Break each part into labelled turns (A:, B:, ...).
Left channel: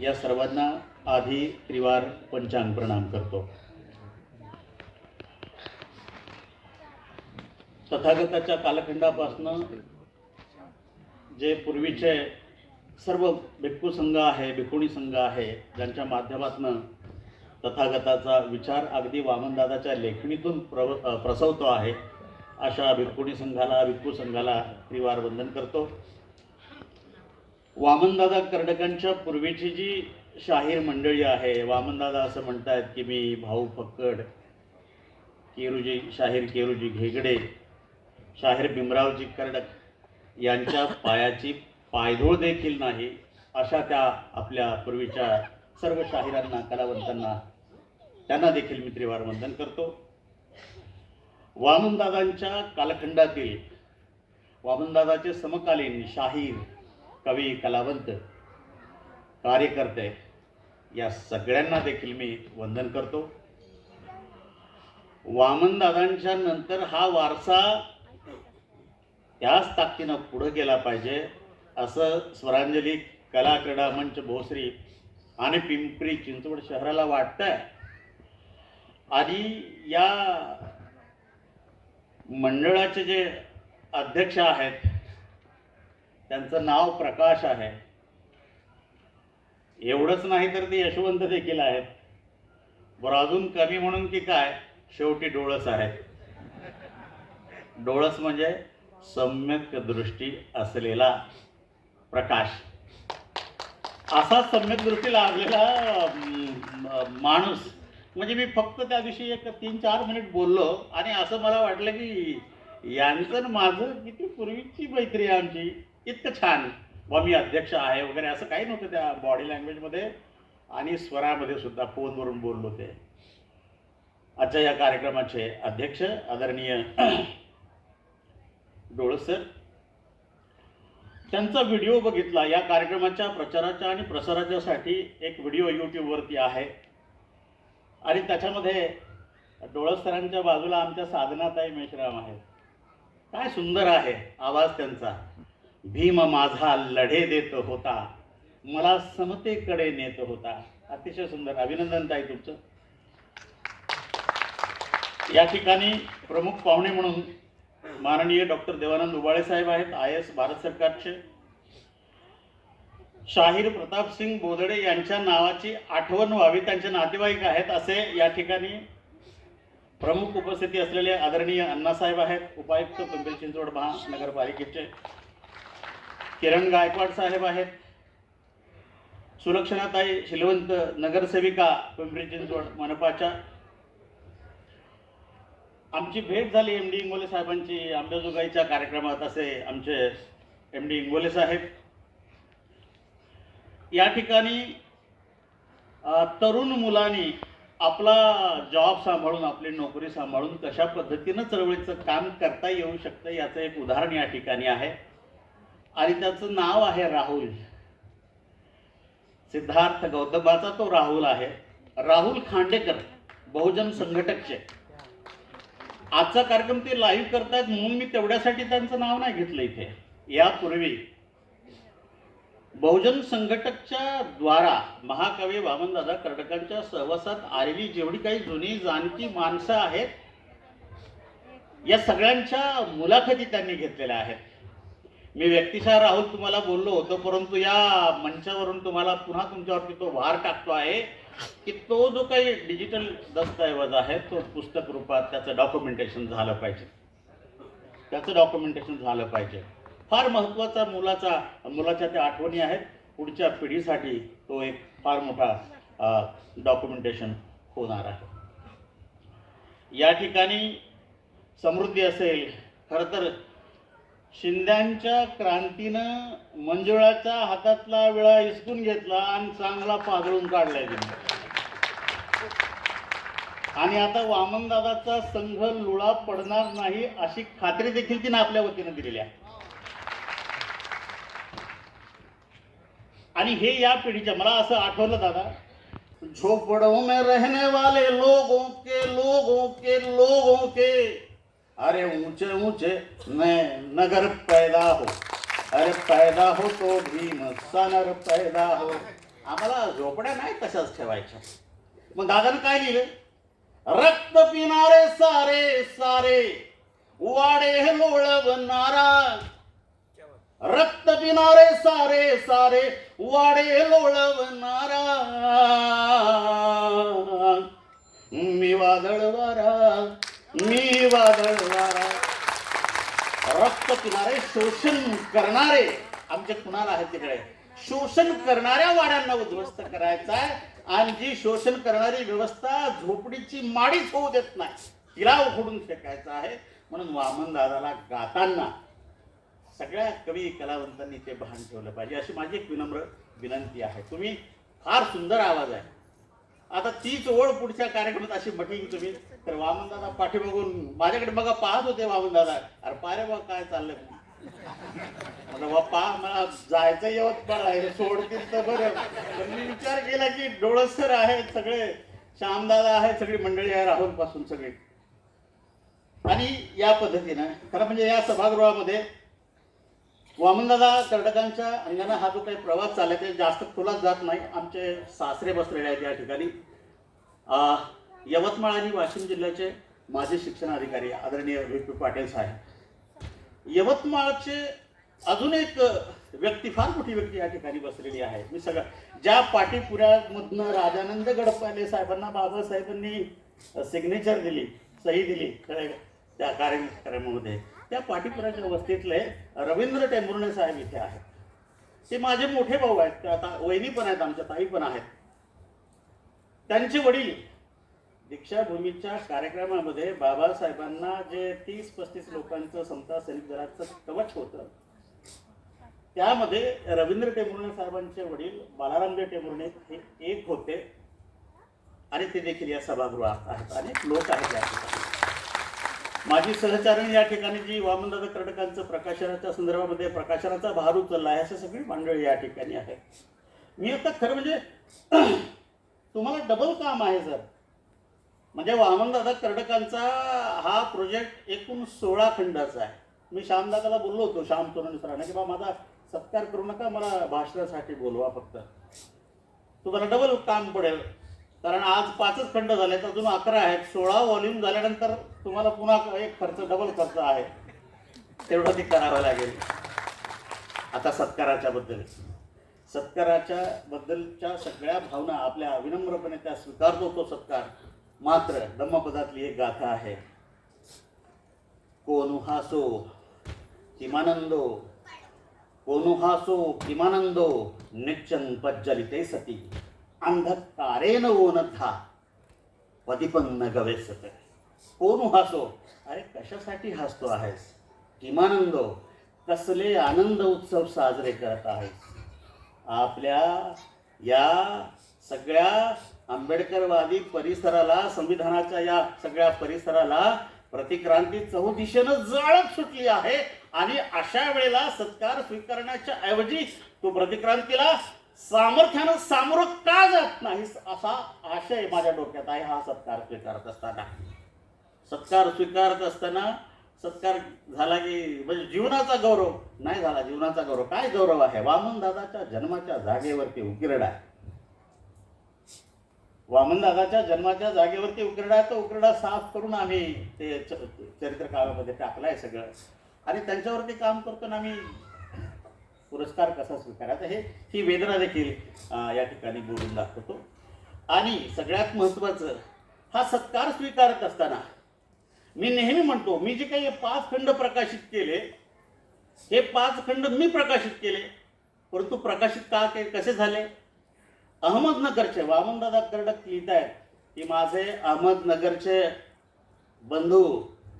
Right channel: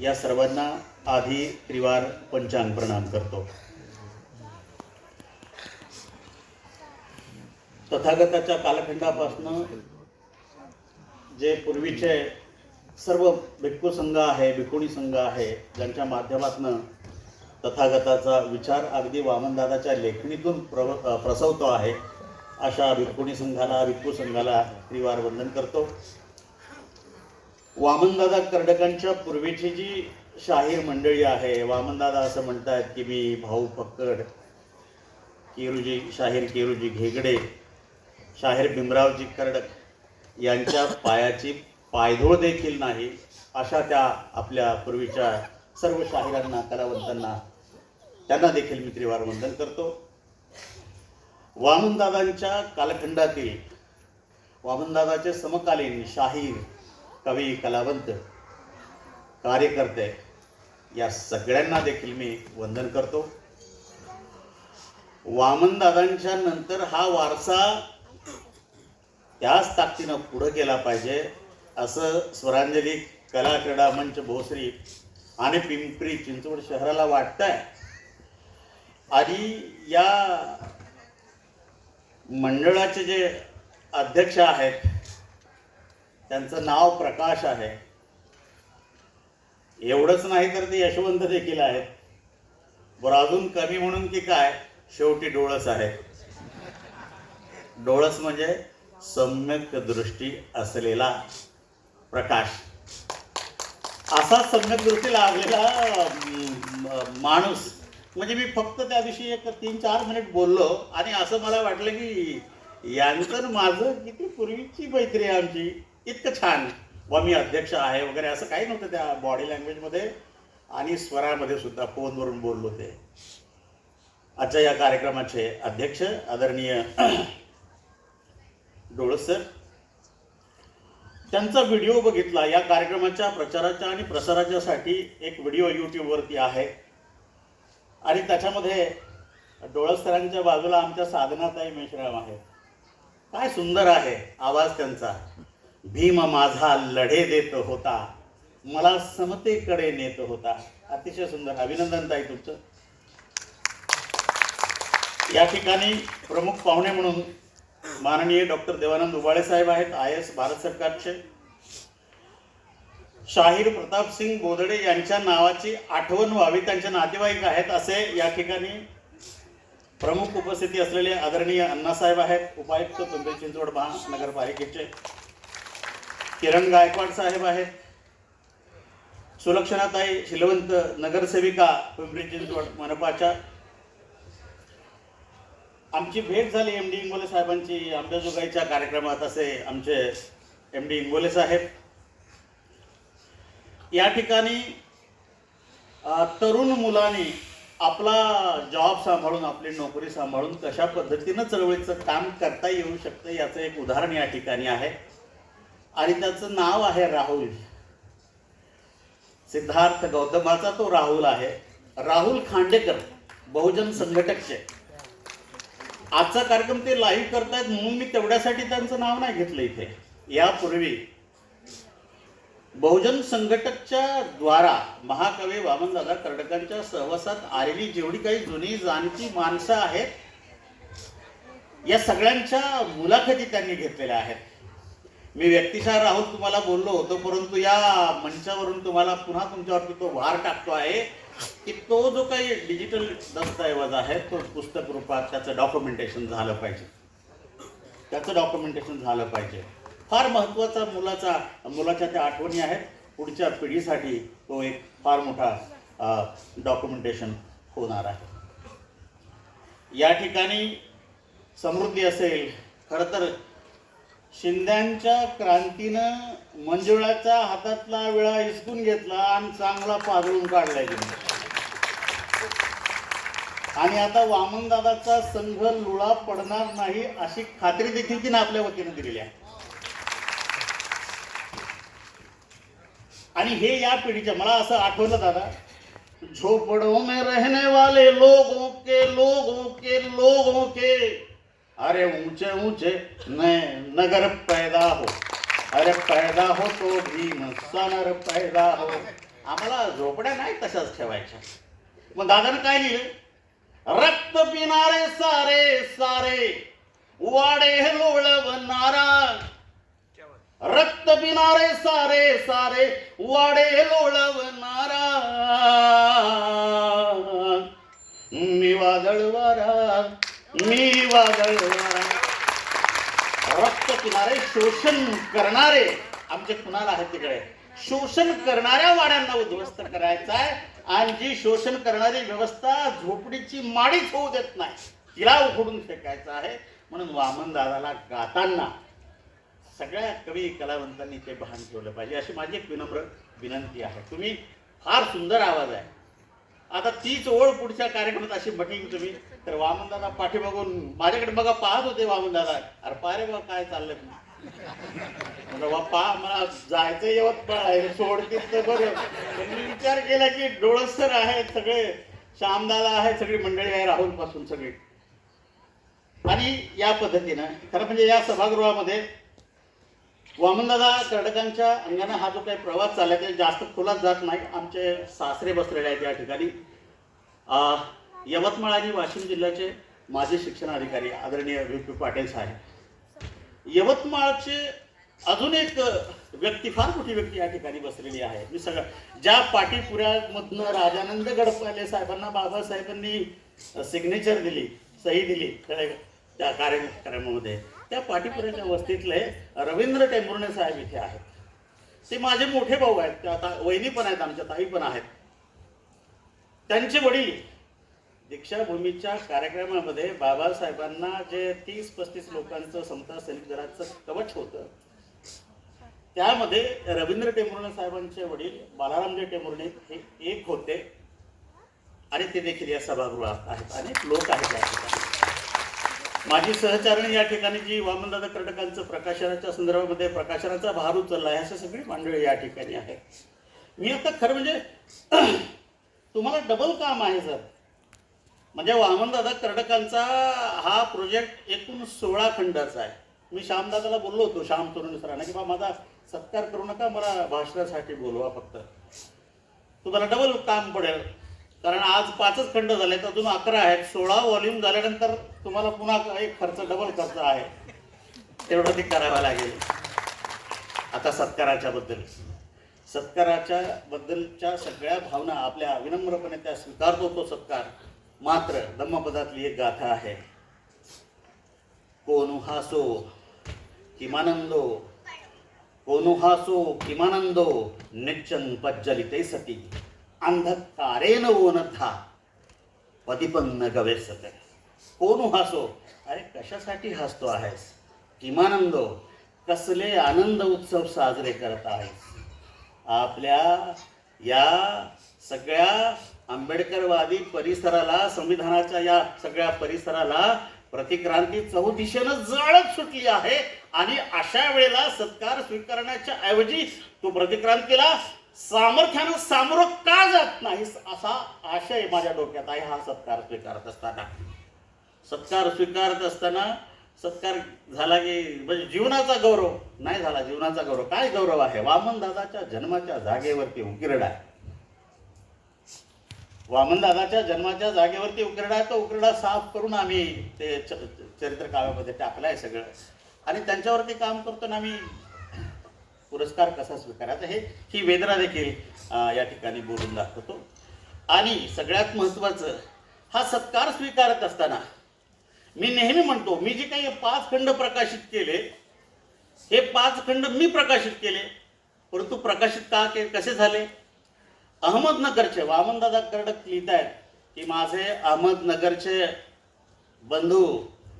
A: या सर्वांना आधी त्रिवार पंचांग प्रणाम करतो. तथागताच्या कालखंडापासून जे पूर्वीचे सर्व भिक्खू संघ आहे भिकुणी संघ आहे ज्यांच्या माध्यमातून तथागताचा विचार अगदी वामनदादाच्या लेखणीतून प्रव प्रसवतो आहे अशा भिक्खुणी संघाला भिक्खू संघाला त्रिवार वंदन करतो. वामनदादा कर्डकांच्या पूर्वीची जी शाहीर मंडळी आहे वामनदादा असं म्हणतात की मी भाऊ फक्कड केरूजी शाहीर केरूजी घेगडे शाहीर भीमरावजी कर्डक यांच्या पायाची पायधूळ देखील नाही अशा त्या आपल्या पूर्वीच्या सर्व शाहिरांना कलावंतांना त्यांना देखील मी त्रिवार वंदन करतो. वामनदादांच्या कालखंडातील वामनदादाचे समकालीन शाहीर कवी कलावंत कार्यकर्ते या सगळ्यांना देखील मी वंदन करतो. वामनदादांच्या नंतर हा वारसा त्याच ताकदीनं पुढं गेला पाहिजे असं स्वरांजली कला क्रीडा मंच भोसरी आणि पिंपरी चिंचवड शहराला वाटतंय. आणि या मंडळाचे जे अध्यक्ष आहेत त्यांचं नाव प्रकाश आहे. एवढंच नाही तर ते यशवंत देखील आहेत. बरं अजून कमी म्हणून की काय? शेवटी डोळस आहे. डोळस म्हणजे सम्यक दृष्टी असलेला प्रकाश. असा सम्यक दृष्टी लागलेला माणूस. म्हणजे मी फक्त त्याविषयी एक तीन चार मिनिट बोललो आणि असं मला वाटलं की यांचं माझं किती पूर्वीची मैत्री आहे आमची. इतकं छान. व मी अध्यक्ष आहे वगैरे असं काही नव्हतं त्या बॉडी लँग्वेजमध्ये आणि स्वरामध्ये सुद्धा फोनवरून बोललो ते. आजच्या या कार्यक्रमाचे अध्यक्ष आदरणीय डोळस सर. त्यांचा व्हिडिओ बघितला. या कार्यक्रमाच्या प्रचाराच्या आणि प्रसाराच्यासाठी एक व्हिडिओ यूट्यूबवरती आहे. आणि त्याच्यामध्ये डोळस सरांच्या बाजूला आमच्या साधनाताई मेश्राम आहेत. काय सुंदर आहे आवाज त्यांचा. भीम माझा लढे देत होता. मला समतेकडे नेत होता. अतिशय सुंदर अभिनंदन ताई तुमचं. या ठिकाणी प्रमुख पाहुणे म्हणून माननीय डॉक्टर देवानंद उबाळे साहेब आहेत आय एस भारत सरकारचे. शाहीर प्रताप सिंग बोदडे यांच्या नावाची आठवण व्हावी त्यांचे नातेवाईक आहेत असे या ठिकाणी प्रमुख उपस्थिती असलेले आदरणीय अण्णासाहेब आहेत उपायुक्त पिंपरी चिंचवड महानगरपालिकेचे. किरण गायकवाड साहेब आहेत. सुलक्षणाताई शिलवंत नगरसेविका पिंपरी चिंचवड मनपाच्या. आमची भेट झाली एम डी इंगोले साहेबांची आंबेजोगाईच्या कार्यक्रमात असे आमचे एम डी इंगोले साहेब. या ठिकाणी तरुण मुलांनी आपला जॉब सांभाळून आपली नोकरी सांभाळून कशा पद्धतीनं चळवळीचं काम करता येऊ शकतं याचं एक उदाहरण या ठिकाणी आहे. आणि त्याचं नाव आहे राहुल. सिद्धार्थ गौतमाचा तो राहुल आहे. राहुल खांडेकर बहुजन संघटकचे. आजचा कार्यक्रम ते लाईव्ह करतायत म्हणून मी तेवढ्यासाठी त्यांचं नाव नाही घेतलं इथे. यापूर्वी बहुजन संघटकच्या द्वारा महाकवी वामनदादा कर्डकांच्या सहवासात आलेली जेवढी काही जुनी जाणती माणसं आहेत या सगळ्यांच्या मुलाखती त्यांनी घेतलेल्या आहेत. मी व्यक्तिशः राहून तुम्हाला बोललो होतो परंतु या मंचावरून तुम्हाला पुन्हा तुमच्यावरती तो भार टाकतो आहे की तो जो काही डिजिटल दस्तऐवज आहे तो पुस्तक रूपात त्याचं डॉक्युमेंटेशन झालं पाहिजे. त्याचं डॉक्युमेंटेशन झालं पाहिजे. फार महत्त्वाचा मुलाचा मुलाच्या त्या आठवणी आहेत. पुढच्या पिढीसाठी तो एक फार मोठा डॉक्युमेंटेशन होणार आहे. या ठिकाणी समृद्धी असेल खरं तर शिंद्यांच्या क्रांतीनं मंजुळाच्या हातातला विळा हिसकून घेतला आणि चांगला पाघळून काढलाय तिने. आणि आता वामनदादाचा संघ लुळा पडणार नाही अशी खात्री देखील तिने आपल्या वतीनं दिलेली आहे. आणि हे या पिढीच्या मला असं आठवलं दादा झोपड़ों में रहने वाले लोगों के लोगों के लोगों के अरे ऊंचे ऊंचे नए नगर पैदा हो. अरे पैदा हो तो भीम सनर पैदा हो. आम्हाला झोपड्या नाही तशाच ठेवायच्या. मग दादाने काय लिहिलं? रक्त पिणारे सारे सारे. वाडे लोळवणारा रक्त पिणारे सारे सारे. वाडे लोळवणारा मी वादळ वारा मी वादळ वारा रक्त पिणारे शोषण करणारे आमचे कुणाला आहेत तिकडे? शोषण करणाऱ्या वाड्यांना उद्ध्वस्त करायचा आहे. आणि जी शोषण करणारी व्यवस्था झोपडीची माडीच होऊ देत नाही तिला उघडून फेकायचं आहे. म्हणून वामन दादाला गाताना सगळ्या कवी कलावंतांनी ते भान ठेवलं पाहिजे. अशी माझी एक विनम्र विनंती आहे. तुम्ही फार सुंदर आवाज आहे. आता तीच ओळ पुढच्या कार्यक्रमात अशी म्हटली तुम्ही. तर वामनदादा दादा बघून माझ्याकडे बघा पाहत होते वामनदादा. अरे पारे बा काय चाललंय? बा पा मला जायचं येवत पण आहे सोडतील तर बरं. पण मी विचार केला की डोळसर आहेत सगळे. श्यामदादा आहेत सगळी मंडळी आहे राहुलपासून सगळी. आणि या पद्धतीनं खरं म्हणजे या सभागृहामध्ये वामनदादा कर्टकांच्या अंगाने हा जो काही प्रवास चालला आहे जास्त खोलात जात नाही. आमचे सासरे बसलेले आहेत या ठिकाणी. यवतमाळ आणि वाशिम जिल्ह्याचे माजी शिक्षण अधिकारी आदरणीय व्ही. पी. पाटील साहेब. यवतमाळचे अजून एक व्यक्ती फार मोठी व्यक्ती या ठिकाणी बसलेली आहे. मी सगळं ज्या पाटीपुऱ्यामधनं राजानंद गडपाले साहेबांना बाबासाहेबांनी सिग्नेचर दिली सही दिली त्या- त्या कार्यक्रमामध्ये. त्या पाटीपुराच्या वस्तीतले रवींद्र टेंभुर्णे साहेब इथे आहेत. ते माझे मोठे भाऊ आहेत. ते आता वहिनी पण आहेत आमच्या ताई पण आहेत. त्यांचे वडील दीक्षाभूमीच्या कार्यक्रमामध्ये बाबासाहेबांना जे तीस पस्तीस लोकांचं समता सैनिक दलाचं कवच होतं त्यामध्ये रवींद्र टेंभुर्णे साहेबांचे वडील बालारामजी टेंभुर्णे हे एक होते. आणि ते देखील या सभागृहात आहेत. अनेक लोक आहेत या माझी सहचारणी या ठिकाणी जी वामनदादा कर्डकांचं प्रकाशनाच्या संदर्भामध्ये प्रकाशनाचा भार उचलला आहे अशी सगळी मंडळी या ठिकाणी आहे मी आता खरं म्हणजे तुम्हाला डबल काम आहे सर. म्हणजे वामनदादा कर्डकांचा हा प्रोजेक्ट एकूण सोळा खंडाचा आहे. मी श्यामदादाला बोललो होतो श्याम तरुण सरांना की बा माझा सत्कार करू नका मला भाषणासाठी बोलवा फक्त. तुम्हाला डबल काम पडेल. कारण आज पाचच खंड झालेत अजून अकरा आहेत. सोळा वॉल्यूम झाल्यानंतर तुम्हाला पुन्हा एक खर्च डबल खर्च आहे. तेवढं ते करावं लागेल. आता सत्काराच्या बद्दल. सत्काराच्या बद्दलच्या सगळ्या भावना आपल्या विनम्रपणे त्या स्वीकारतो तो सत्कार. मात्र धम्मपदातली एक गाथा आहे. कोनु हासो किमानंदो. कोनु हासो किमानंदो निच्चन पज्जलिते सती. अंधकारेन ओनथा. पदिपन्न गवेसते कोण हसो? अरे कशासाठी हसतो आहेस? किमानंदो कसले आनंद उत्सव साजरे करत आहेस? आपल्या या सगळ्या आंबेडकरवादी परिसराला संविधानाच्या या सगळ्या परिसराला प्रतिक्रांती चौदिशेनं जळत सुटली आहे आणि अशा वेळेला सत्कार स्वीकारण्याच्या ऐवजी तू प्रतिक्रांतीला सामर्थ्यानं सामोरं का जात नाही असा आशय माझ्या डोक्यात आहे हा सत्कार स्वीकारत असताना. सत्कार स्वीकारत असताना सत्कार झाला की म्हणजे जीवनाचा गौरव. नाही झाला जीवनाचा गौरव. काय गौरव आहे? वामन दादाच्या जन्माच्या जागेवरती उकिरडा आहे. वामन दादाच्या जन्माच्या जागेवरती उकिरडा तो उकिरडा साफ करून आम्ही ते चरित्र काव्यामध्ये टाकलाय सगळं. आणि त्यांच्यावरती काम करतो ना आम्ही पुरस्कार कसा स्वीकारायचा हे ही वेदना देखील या ठिकाणी बोलून दाखवतो. आणि सगळ्यात महत्त्वाचं हा सत्कार स्वीकारत असताना मी नेहमी म्हणतो मी जे काही पाच खंड प्रकाशित केले हे पाच खंड मी प्रकाशित केले परंतु प्रकाशित का के कसे झाले? अहमदनगरचे वामनदादा कर्डक लिहित आहेत की माझे अहमदनगरचे बंधू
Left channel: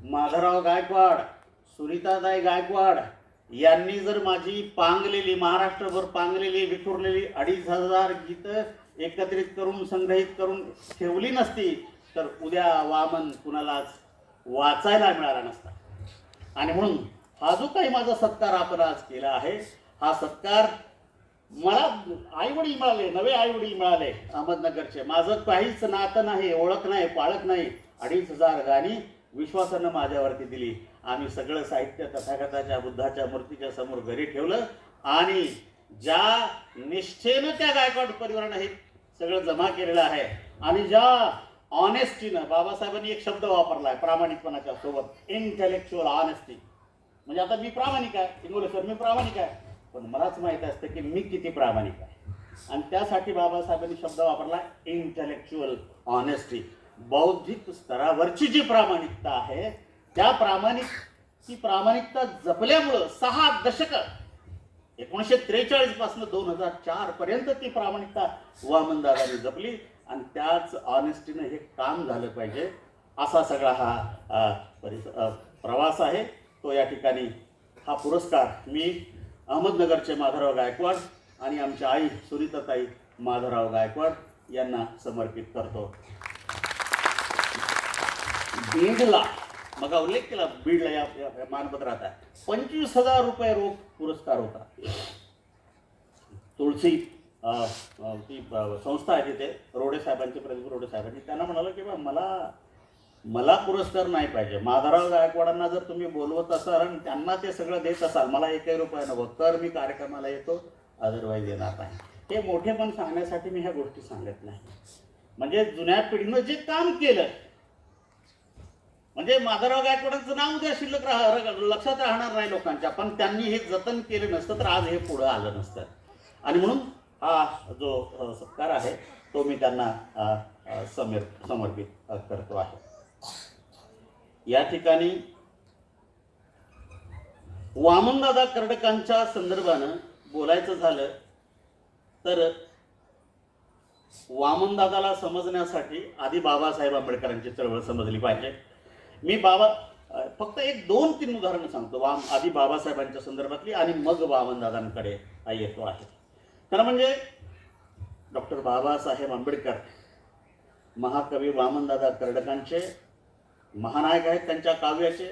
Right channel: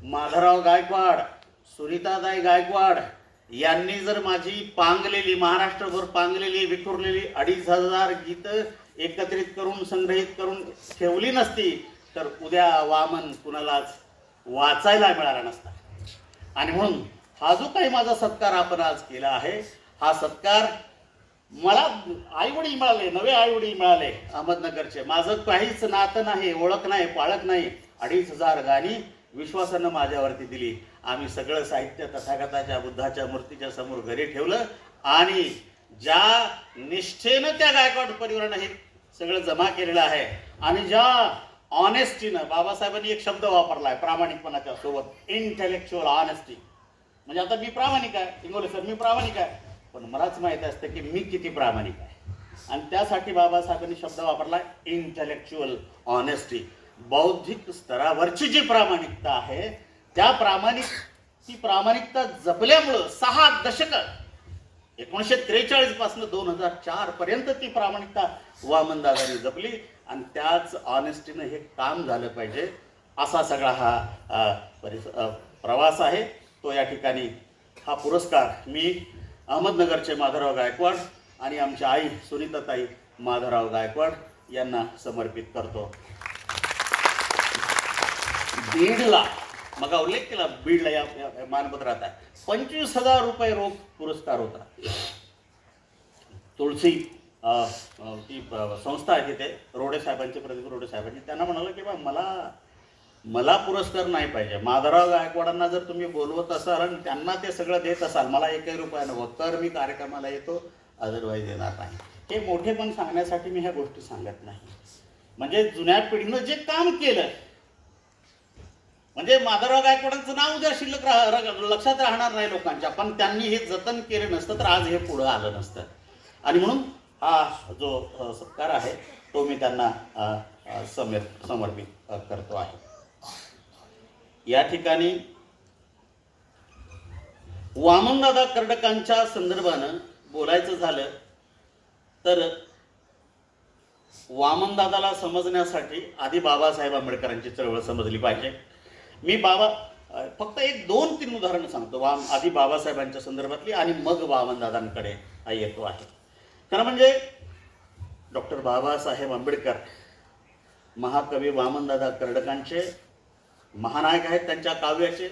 A: माधवराव गायकवाड सुनीतादाई गायकवाड यांनी जर माझी पांगलेली महाराष्ट्रभर पांगलेली विखुरलेली अडीच हजार गीतं एकत्रित करून संग्रहित करून ठेवली नसती तर उद्या वामन कुणालाच वाचायला मिळाला नसता. आणि म्हणून हा जो काही माझा सत्कार आपण आज केला आहे हा सत्कार मला आईवडील मिळाले नवे आईवडील मिळाले अहमदनगरचे. माझं काहीच नातं नाही ओळख नाही पाळख नाही अडीच हजार गाणी विश्वासानं माझ्यावरती दिली. आम्ही सगळं साहित्य तथागताच्या बुद्धाच्या मूर्तीच्या समोर घरी ठेवलं आणि ज्या निष्ठेनं त्या गायकवाड परिवारानं हे सगळं जमा केलेलं आहे आणि ज्या ऑनेस्टीनं बाबासाहेबांनी एक शब्द वापरलाय प्रामाणिकपणाच्या सोबत इंटेलेक्च्युअल ऑनेस्टी म्हणजे आता मी प्रामाणिक आहे. इंगोले सर मी प्रामाणिक आहे. पण मलाच माहीत असतं की मी किती प्रामाणिक आहे. आणि त्यासाठी बाबासाहेबांनी शब्द वापरला इंटेलेक्च्युअल ऑनेस्टी बौद्धिक स्तरावरची जी प्रामाणिकता आहे त्या प्रामाणिक ती प्रामाणिकता जपल्यामुळं सहा दशक एकोणीसशे त्रेचाळीसपासून दोन हजार चार पर्यंत ती प्रामाणिकता वामनदादांनी जपली आणि त्याच ऑनेस्टीनं हे काम झालं पाहिजे असा सगळा हा परिस प्रवास आहे. तो या ठिकाणी हा पुरस्कार मी अहमदनगरचे माधवराव गायकवाड आणि आमच्या आई सुनीताताई माधवराव गायकवाड यांना समर्पित करतो. बीडला मग उल्लेख केला बीडला या या- या मानपत्रात आहे. पंचवीस हजार रुपये रोख पुरस्कार होता. तुळशी ती संस्था आहे तिथे रोडे साहेबांचे प्रदीप रोडे साहेबांची. त्यांना म्हणालं की बा मला मला पुरस्कार नाही पाहिजे. माधवराव गायकवाडांना जर तुम्ही बोलवत असाल आणि त्यांना ते सगळं देत असाल मला एकही रुपया नको तर मी कार्यक्रमाला येतो अदरवाईज येणार नाही. हे मोठेपण सांगण्यासाठी मी ह्या गोष्टी सांगत नाही. म्हणजे जुन्या पिढीनं जे काम केलं म्हणजे माधवराव गायकवाडांचं नाव उद्या शिल्लक राह लक्षात राहणार नाही लोकांच्या पण त्यांनी हे जतन केलं नसतं तर आज हे पुढं आलं नसतं. आणि म्हणून हा जो सत्कार आहे तो मी त्यांना समेर समर्पित करतो आहे. या ठिकाणी वामनदादा कर्डकांच्या संदर्भानं बोलायचं झालं तर वामनदादाला समजण्यासाठी आधी बाबासाहेब आंबेडकरांची चळवळ समजली पाहिजे. मी बाबा फक्त एक दोन तीन उदाहरणं सांगतो. वाम आधी बाबासाहेबांच्या संदर्भातली आणि मग वामनदादांकडे हा येतो आहे खरं म्हणजे डॉक्टर बाबासाहेब आंबेडकर महाकवी वामनदादा कर्डकांचे महानायक आहेत त्यांच्या काव्याचे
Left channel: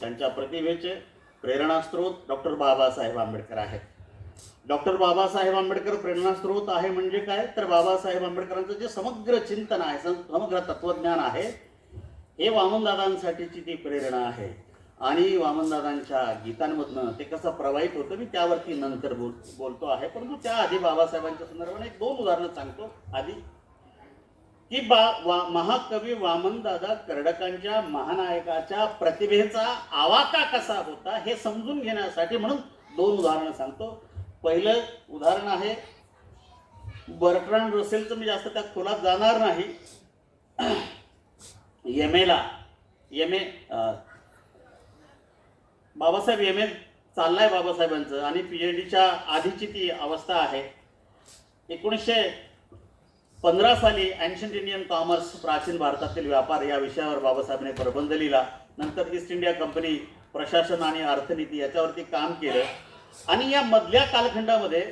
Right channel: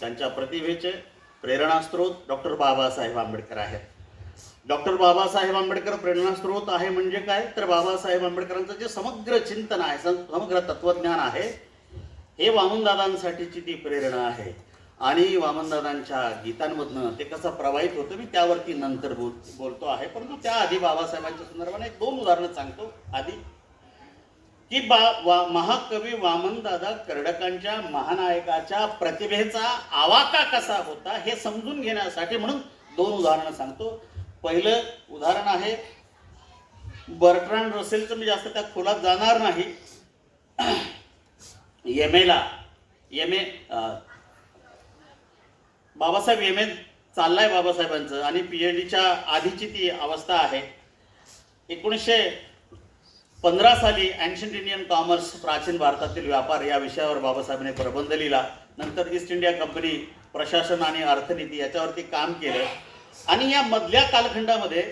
A: त्यांच्या प्रतिभेचे प्रेरणास्त्रोत डॉक्टर बाबासाहेब आंबेडकर आहेत. डॉक्टर बाबासाहेब आंबेडकर प्रेरणास्त्रोत आहे म्हणजे काय? तर बाबासाहेब आंबेडकरांचं जे समग्र चिंतन आहे समग्र तत्वज्ञान आहे हे वामनदादांसाठीची ती प्रेरणा आहे. आणि वामनदादांच्या गीतांमधनं ते कसं प्रवाहित होतं मी त्यावरती नंतर बोल बोलतो आहे. परंतु त्याआधी बाबासाहेबांच्या संदर्भाने एक दोन उदाहरणं सांगतो आधी. की बा वा महाकवी वामनदादा कर्डकांच्या महानायकाच्या प्रतिभेचा आवाका कसा होता हे समजून घेण्यासाठी म्हणून दोन उदाहरणं सांगतो. पहिलं उदाहरण आहे बर्ट्रान रसेलचं मी जास्त त्या खोलात जाणार नाही. एम एला M A Babasaheb M A चाललाय बाबासाहेबांचं आणि पी एच डीच्या आधीची ती अवस्था आहे. एकोणीसशे पंधरा साली अँशंट इंडियन कॉमर्स प्राचीन भारतातील व्यापार या विषयावर बाबासाहेबांनी प्रबंध लिहिला. नंतर ईस्ट इंडिया कंपनी प्रशासन आणि अर्थनीती याच्यावरती काम केलं. आणि या मधल्या कालखंडामध्ये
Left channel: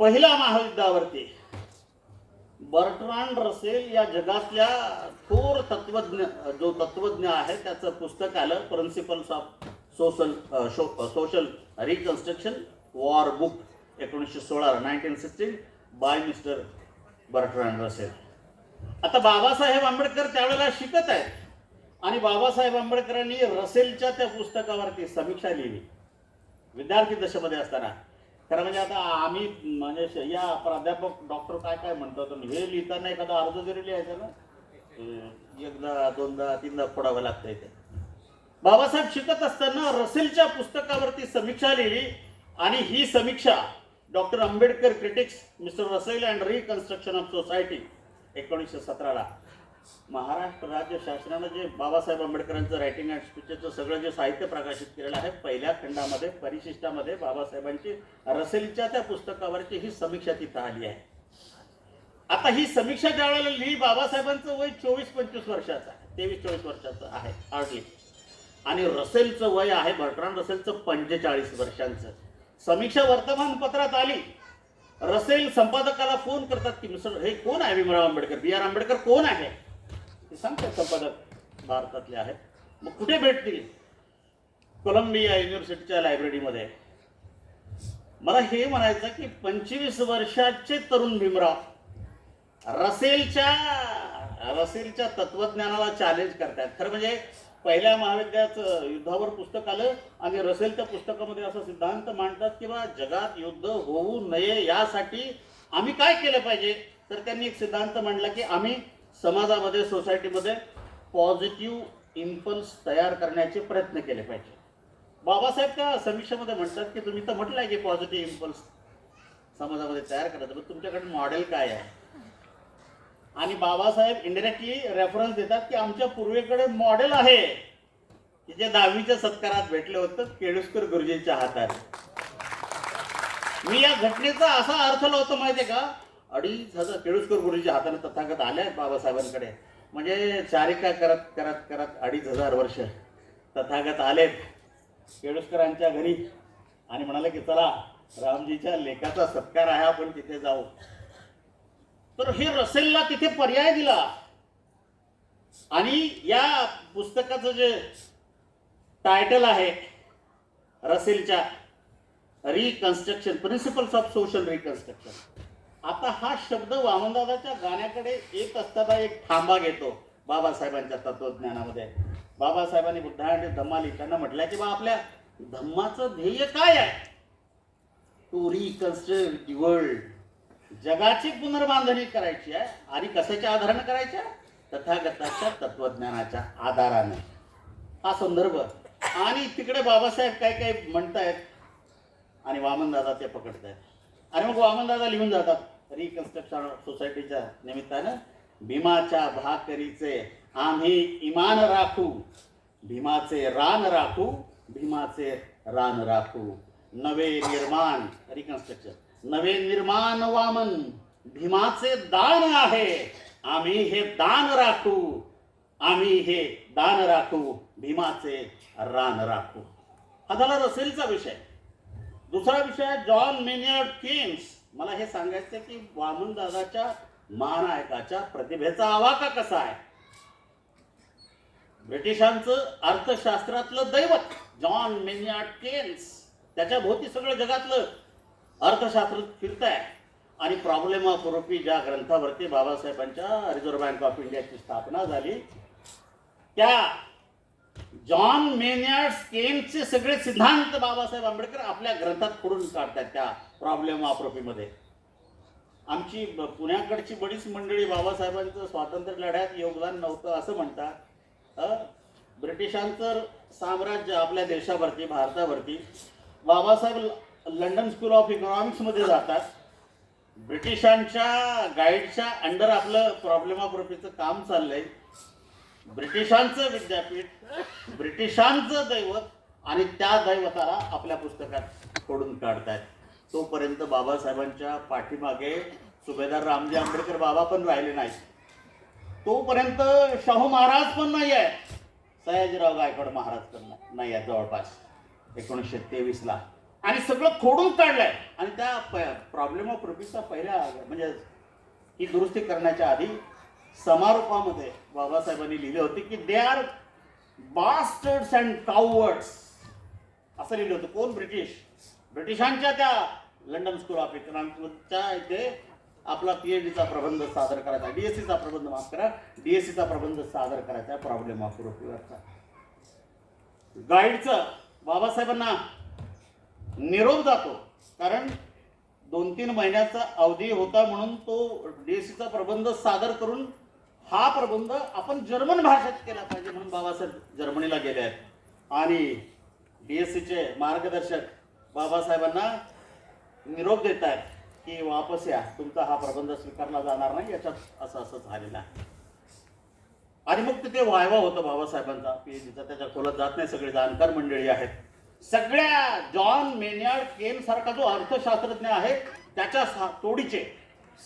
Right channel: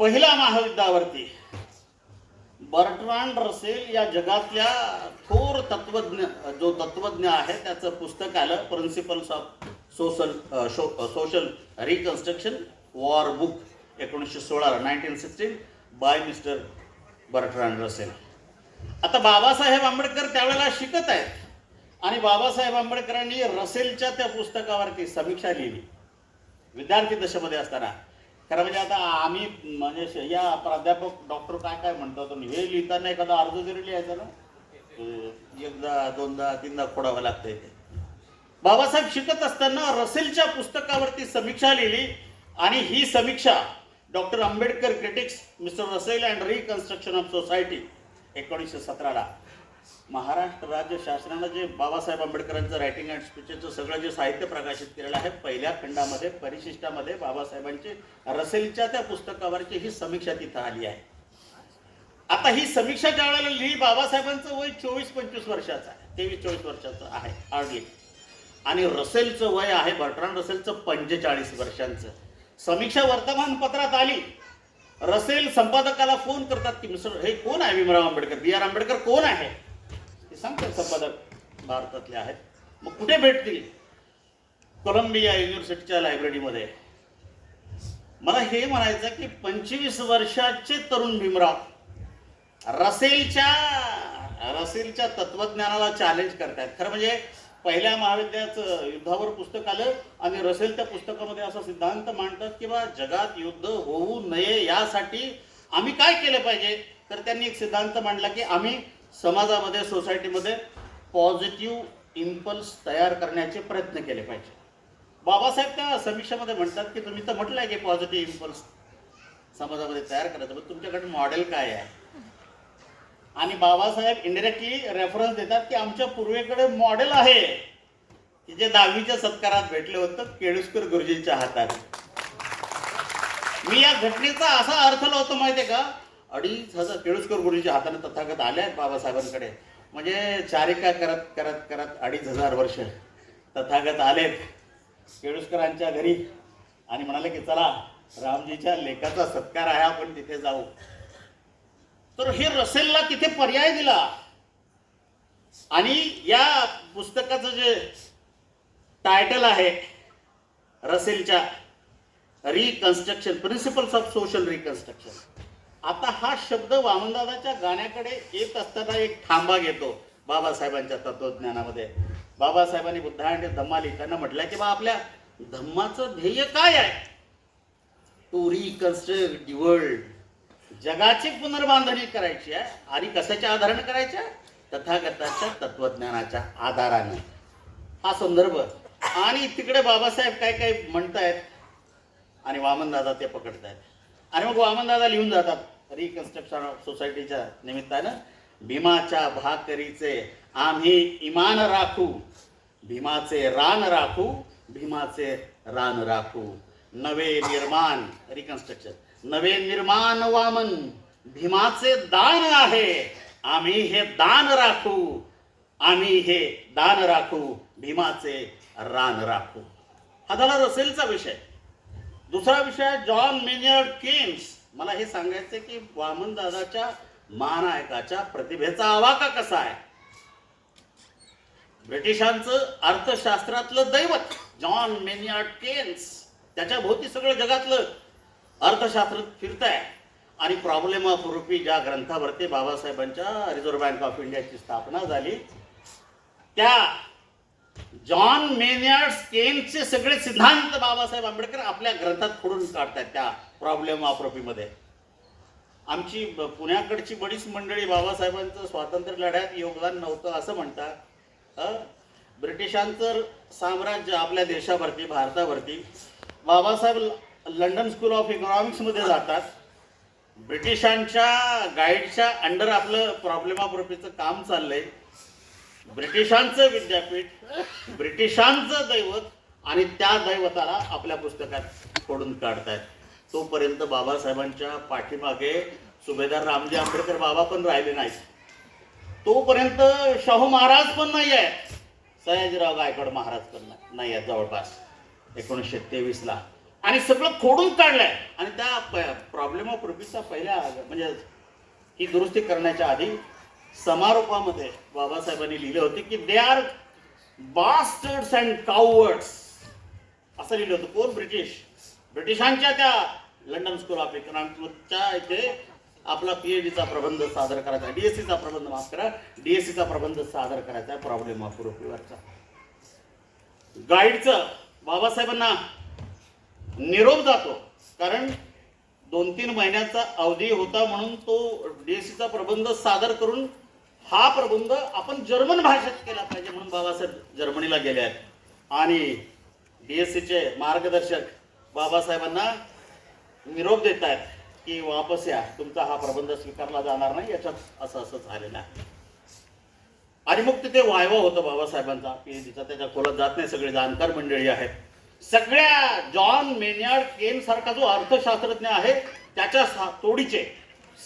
A: पहिल्या महायुद्धावरती बर्ट्रांड रसेल या जगातल्या थोर तत्वज्ञ जो तत्वज्ञ आहे त्याचं पुस्तक आलं principles of social social reconstruction war book एकोणीसशे सोळा nineteen sixteen by mister Bertrand Russell. आता बाबासाहेब आंबेडकर त्यावेळेला शिकत आहेत. आणि बाबासाहेब आंबेडकरांनी रसेलच्या त्या पुस्तकावरती समीक्षा लिहिली. विद्यार्थी दशेमध्ये असताना. खरं म्हणजे आता आम्ही म्हणजे श- या प्राध्यापक डॉक्टर काय काय म्हणतात हे लिहिताना एखादा अर्ज जरी लिहायचा ना एकदा दोनदा तीनदा खोडावं लागतंय ते. बाबासाहेब शिकत असताना रसेलच्या पुस्तकावरती समीक्षा लिहिली आणि ही समीक्षा doctor Ambedkar critics mister Russell and reconstruction of society एकोणीसशे सतराला. महाराष्ट्र राज्य शासनानं जे बाबासाहेब आंबेडकरांचं रायटिंग अँड स्पीचेसचं सगळं जे साहित्य प्रकाशित केलेलं आहे पहिल्या खंडामध्ये परिशिष्टामध्ये बाबासाहेबांची रसेलच्या त्या पुस्तकावरची ही समीक्षा तिथं आली आहे. आता ही समीक्षा ज्या वेळेला लिहिली बाबासाहेबांचं वय चोवीस पंचवीस वर्षाचं आहे तेवीस चोवीस वर्षाचं आहे ऑडिट आणि रसेलचं वय आहे बर्ट्रांड रसेलचं पंचेचाळीस वर्षांचं. समीक्षा वर्तमानपत्रात आली. रसेल संपादकाला फोन करतात की मिस्टर हे कोण आहे भीमराव आंबेडकर? बी आर आंबेडकर कोण आहे? ते सांगतात संपादक भारतातले आहेत? मग कुठे भेटतील? कोलंबिया युनिव्हर्सिटीच्या लायब्ररीमध्ये मला हे म्हणायचं की पंचवीस वर्षाचे तरुण भीमराव रसेलच्या रसेलच्या तत्वज्ञानाला चॅलेंज करतात. खरं म्हणजे पहिल्या महाविद्यालयाचं युद्धावर पुस्तक आलं आणि रसेल त्या पुस्तकामध्ये असा सिद्धांत मांडतात की बा जगात युद्ध होऊ नये यासाठी आम्ही काय केलं पाहिजे? तर त्यांनी एक सिद्धांत मांडला की आम्ही समाजामध्ये सोसायटीमध्ये पॉझिटिव्ह इम्पल्स तयार करण्याचे प्रयत्न केले पाहिजे. बाबासाहेब त्या समीक्षेमध्ये म्हणतात की तुम्ही तर म्हटलंय की पॉझिटिव्ह इम्पल्स समाजामध्ये तयार करायचं पण तुमच्याकडे मॉडेल काय आहे? आणि बाबासाहेब इंडिरेक्टली रेफरन्स देतात की आमच्या पूर्वेकडे मॉडेल आहे. की जे दहावीच्या सत्कारात भेटले होतं केळुसकर गुरुजींच्या हातात. मी या घटनेचा असा अर्थ लावतो माहितीये का? अडीच हजार केळुसकर गुरुजीच्या हाताने तथागत आले आहेत बाबासाहेबांकडे. म्हणजे चारिका करत करत करत अडीच हजार वर्ष तथागत आलेत केळुसकरांच्या घरी. आणि म्हणाले की चला रामजीच्या लेखाचा सत्कार आहे आपण तिथे जाऊ. तर हे रसेलला तिथे पर्याय दिला. आणि या पुस्तकाचं जे टायटल आहे रसेलच्या reconstruction principles of social reconstruction आता हा शब्द वामनदादाच्या गाण्याकडे येत असताना एक थांबा घेतो बाबासाहेबांच्या तत्वज्ञानामध्ये बाबासाहेबांनी बुद्धा धम्मा लिहिताना म्हटलंय की बा आपल्या धम्माचं ध्येय काय आहे? टू रिकन्स्ट्रक्ट वर्ल्ड जगाची पुनर्बांधणी करायची आहे आणि कशाच्या आधाराने करायच्या तथागताच्या तत्वज्ञानाच्या आधाराने. हा संदर्भ. आणि तिकडे बाबासाहेब काय काय म्हणतायत? आणि वामनदादा ते पकडतायत. आणि मग वामनदादा लिहून जातात. रिकन्स्ट्रक्शन सोसायटीच्या निमित्तानं भीमाच्या भाकरीचे आम्ही इमान राखू. भीमाचे रान राखू भीमाचे रान राखू. नवे निर्माण रिकन्स्ट्रक्शन नवे निर्माण वामन भीमाचे दान आहे. आम्ही हे दान राखू. आम्ही हे दान राखू भीमाचे रान राखू. हा झाला रसेलचा विषय. दुसरा विषय जॉन मेनियर्ड केम्स मला हे सांगायचं की वामन दादाच्या महानायकाच्या प्रतिभेचा आवाका कसा आहे? ब्रिटिशांचं अर्थशास्त्रातलं दैवत जॉन मेनियार्ड केन्स त्याच्या भोवती सगळं जगातलं अर्थशास्त्र फिरत आहे आणि प्रॉब्लेम ऑफ रुपी ज्या ग्रंथावरती बाबासाहेबांच्या रिझर्व्ह बँक ऑफ इंडियाची स्थापना झाली त्या जॉन मेनियार्ड केन्सचे सगळे सिद्धांत बाबासाहेब आंबेडकर आपल्या ग्रंथात खोडून काढतात त्या. प्रॉब्लेम आप्रोपीमध्ये आमची पुण्याकडची बरीच मंडळी बाबासाहेबांचं स्वातंत्र्य लढ्यात योगदान नव्हतं असं म्हणतात. ब्रिटिशांचं साम्राज्य आपल्या देशावरती भारतावरती. बाबासाहेब ल- लंडन स्कूल ऑफ इकॉनॉमिक्समध्ये जातात. ब्रिटिशांच्या गाईडच्या अंडर आपलं प्रॉब्लेम ऑफ काम चाललंय. ब्रिटिशांचं विद्यापीठ ब्रिटिशांचं दैवत आणि त्या दैवताला आपल्या पुस्तकात फोडून काढतायत. तोपर्यंत बाबासाहेबांच्या पाठीमागे सुभेदार रामजी आंबेडकर बाबा पण राहिले नाहीत. तोपर्यंत शाहू महाराज पण नाही आहे सयाजीराव गायकवाड महाराज पण नाही आहेत जवळपास. एकोणीसशे तेवीसला. आणि सगळं खोडून काढलंय. आणि त्या प्रॉब्लेम ऑफ रुपीजचा पहिल्या म्हणजे ही दुरुस्ती करण्याच्या आधी समारोपामध्ये बाबासाहेबांनी लिहिले होते की they are bastards and cowards असं लिहिलं होतं. कोण? ब्रिटिश. ब्रिटिशांच्या त्या लंडन स्कूल ऑफ इकॉनॉमिक्सच्या इथे आपला पीएचडीचा प्रबंध सादर करायचा आहे. डीएससीचा प्रबंध माफ करा. डीएससीचा प्रबंध सादर करायचा आहे प्रॉब्लेम ऑफ रुपीवरचा गाईडचं बाबासाहेबांना निरोप जातो. कारण दोन तीन महिन्याचा अवधी होता म्हणून तो डीएससीचा प्रबंध सादर करून हा प्रबंध आपण जर्मन भाषेत केला पाहिजे म्हणून बाबासाहेब जर्मनीला गेले आहेत. आणि डीएससीचे मार्गदर्शक बाबासाहेबांना निरोप देत आहेत की वापस या. तुमचा हा प्रबंध स्वीकारला जाणार नाही याच्यात असं असं झालेलं आहे. आणि मग तिथे वायवा होतं बाबासाहेबांचा पीएचडीचा. त्याच्या खोलात जात नाही सगळे जाणकार मंडळी आहेत. सगळ्या जॉन मेन्यार्ड केन सारखा जो अर्थशास्त्रज्ञ आहे त्याच्या सा- तोडीचे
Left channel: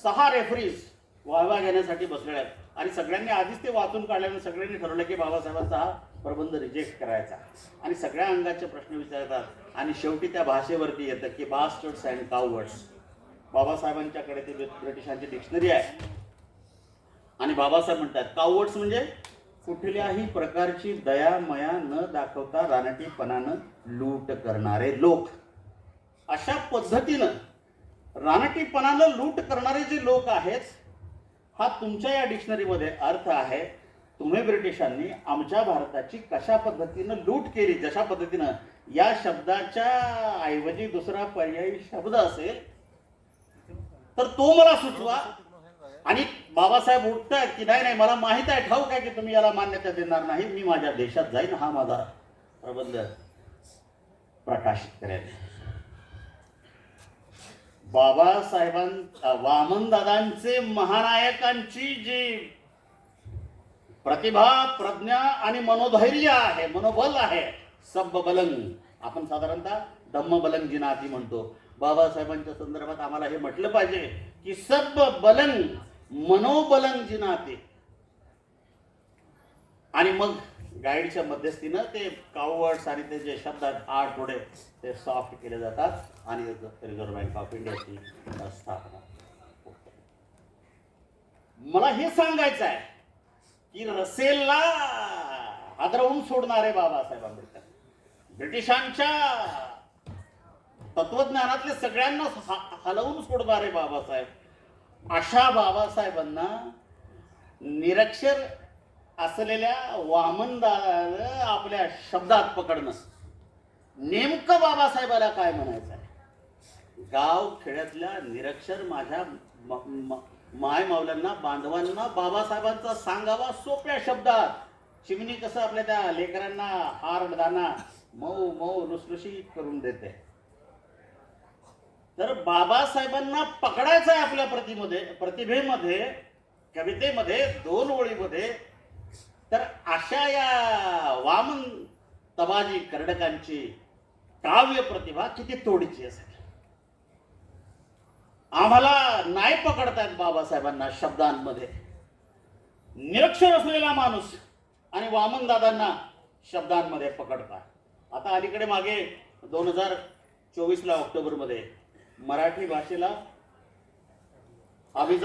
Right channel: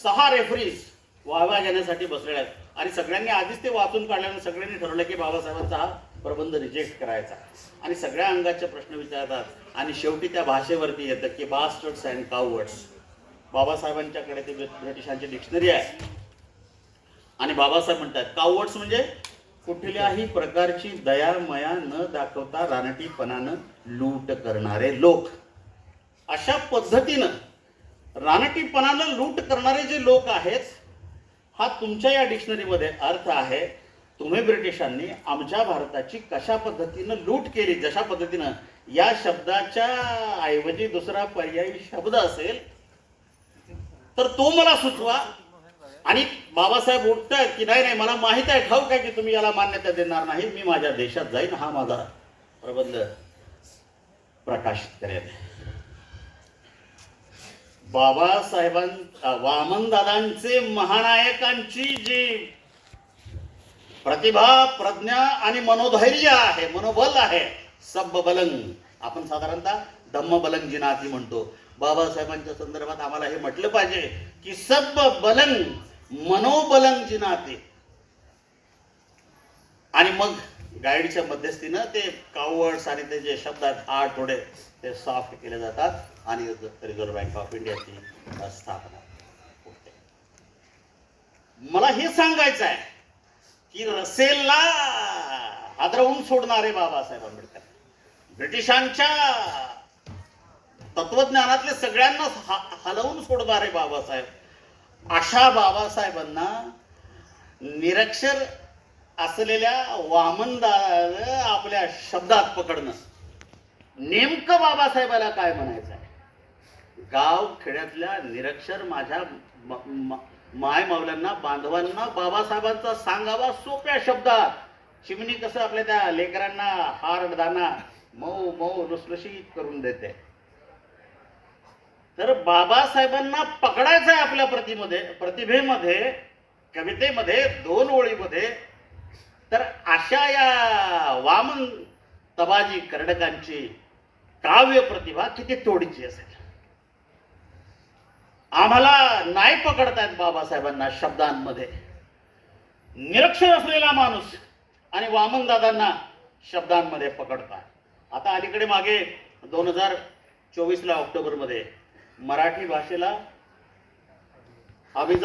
A: सहा रेफरीज वाहवा घेण्यासाठी बसलेले आहेत. आणि सगळ्यांनी आधीच ते वाचून काढल्यानं सगळ्यांनी ठरवलं की बाबासाहेबांचा हा प्रबंध रिजेक्ट करायचा. आणि सगळ्या अंगाचे प्रश्न विचारतात आणि शेवटी त्या भाषेवरती येतं की बास्टर्ड्स अँड कावर्ड्स बाबासाहेबांच्याकडे ती ब्रिटिशांची डिक्शनरी आहे. आणि बाबासाहेब म्हणतात कावर्ड्स म्हणजे कुठल्याही प्रकारची दयामया न दाखवता रानटीपणानं लूट करणारे लोक. अशा पद्धतीनं रानटीपणानं लूट करणारे जे लोक आहेत हा तुमच्या या डिक्शनरीमध्ये अर्थ आहे तुम्ही ब्रिटिशांनी आमच्या भारताची कशा पद्धतीनं लूट केली जशा पद्धतीनं या शब्दाच्या ऐवजी दुसरा पर्यायी शब्द असेल तर तो मला सुचवा. आणि बाबासाहेब उठतायत की नाही नाही मला माहीत आहे ठाऊक आहे की तुम्ही याला मान्यता देणार नाही. मी माझ्या देशात जाईन. हा माझा प्रबंध प्रकाशित करेल बाबासाहेबां वामनदादांचे महानायकांची जी प्रतिभा प्रज्ञा आणि मनोधैर्य आहे मनोबल आहे सब बलंग आपण साधारणतः धम्म बलंग जिनाती म्हणतो. बाबासाहेबांच्या संदर्भात आम्हाला हे म्हटलं पाहिजे की सब बलंग मनोबलंग जिनाते आणि मग गाईडच्या मध्यस्थीनं ते कावर्ड्स आणि ते जे शब्द आहेत आठ थोडे ते सॉफ्ट केले जातात आणि रिझर्व्ह बँक ऑफ इंडियाची स्थापना होते. मला हे सांगायचं आहे की रसेलला हादरवून सोडणारे बाबासाहेब आंबेडकर. ब्रिटिशांच्या तत्वज्ञानातले सगळ्यांना ह- हलवून सोडणारे बाबासाहेब. अशा बाबासाहेबांना निरक्षर असलेल्या वामनदा आपल्या शब्दात पकडणं. नेमकं बाबासाहेबाला काय म्हणायचं आहे? गाव खेड्यातल्या निरक्षर माझ्या माय मावल्यांना बांधवांना बाबासाहेबांचा सांगावा सोप्या शब्दात. चिमणी कसं आपल्या त्या लेकरांना हार दाना मऊ मऊ लुसलुशीत करून देते. तर बाबासाहेबांना पकडायचं आहे आपल्या प्रतिमध्ये प्रतिभेमध्ये कवितेमध्ये दोन ओळीमध्ये. तर अशा या वामन तबाजी कर्डकांची काव्य प्रतिभा किती तोडीची असेल. आम्हाला नाही पकडतायत बाबासाहेबांना शब्दांमध्ये. निरक्षर असलेला माणूस आणि वामनदादांना शब्दांमध्ये पकडतात. आता अलीकडे मागे दोन हजार चोवीसला ऑक्टोबरमध्ये मराठी भाषेला अभिजात